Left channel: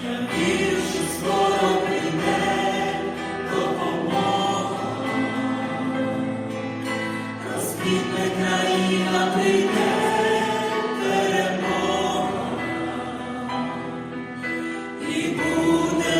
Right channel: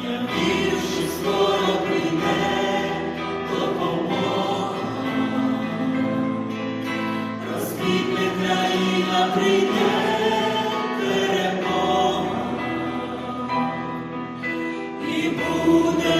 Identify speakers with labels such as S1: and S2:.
S1: Ia ja, virsi skoro prijde, Razbitne, kraina, prijde, I bude